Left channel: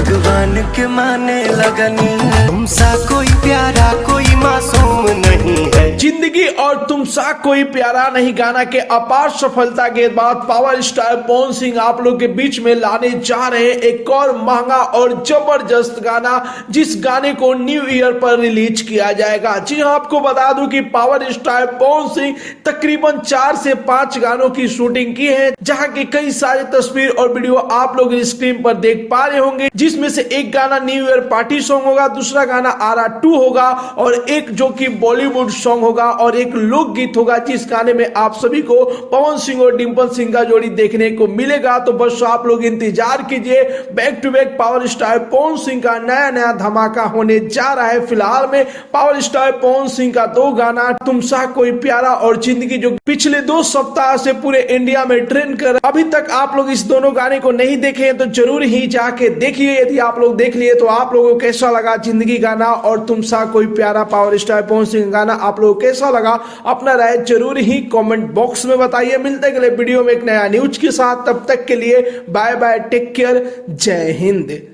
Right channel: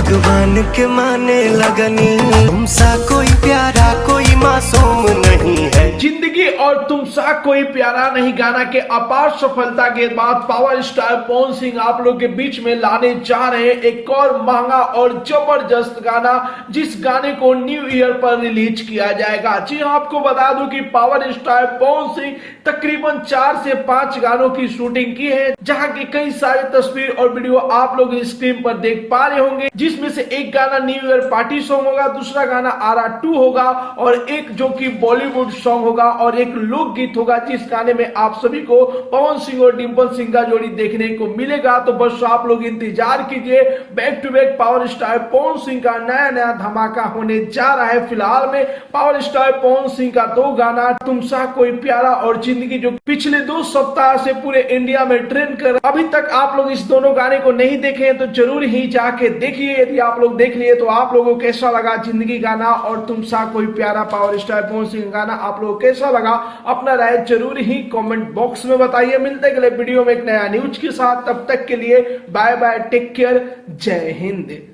भगवान के माने लगनी, तुमसा कोई प्यारा कोई मासूम नहीं है। जिंदगी और तुमसा कोई प्यारा नहीं गाना के अपार सफलता के बाद पावर स्टार पवन सिंह आप लोग के बीच में लाने जा रहे हैं एक और महंगा और जबरदस्त गाना, जिस गाने को न्यू ईयर पर रिलीज किया जाएगा। जी हाँ, आपको बता दूं कि पावर स्टार पवन सिंह तकरीबन 4 से 5 गानों की शूटिंग की है, जहां की कई सारे तस्वीर और वीडियो आप लोग स्क्रीन पर देख पा रहे होंगे, जिसमें से एक गाना न्यू ईयर पार्टी सॉन्ग होगा, दूसरा गाना आरा 2 होगा और एक जो कि बॉलीवुड सॉन्ग होगा और एक लोकगीत होगा, जिस गाने में आप सभी को पवन सिंह और डिंपल सिंह का जोड़ी देखने को मिलेगा। तो बस आप लोग इंतजार कीजिए, back to back power star Pawan Singh का नया नया धमाका होने जा रहा है। फिलहाल में पावर स्टार पवन सिंह का 2 गाना तुमसा कोई प्यारा और जिंदगी, जो पिछले 2 सप्ताह से पूरे इंडिया में ट्रेंड कर, अभी तक आप लोग इस दोनों गाने को नहीं देखे हैं तो जरूर ही जाके देखिए। यदि आप लोग देख लिए तो आप लोगों को कैसा लगा जिंदगी गाना और तुमसा कोई प्यारा पावर स्टार पवन सिंह गाना आप लोगों को कैसा लगा, अपना राय जरूर ही कमेंट बॉक्स में बताइए। मिलते हैं अगले वीडियो में एक नया न्यूज के साथ, तब तक के लिए बाय बाय, टेक केयर, जय हिंद।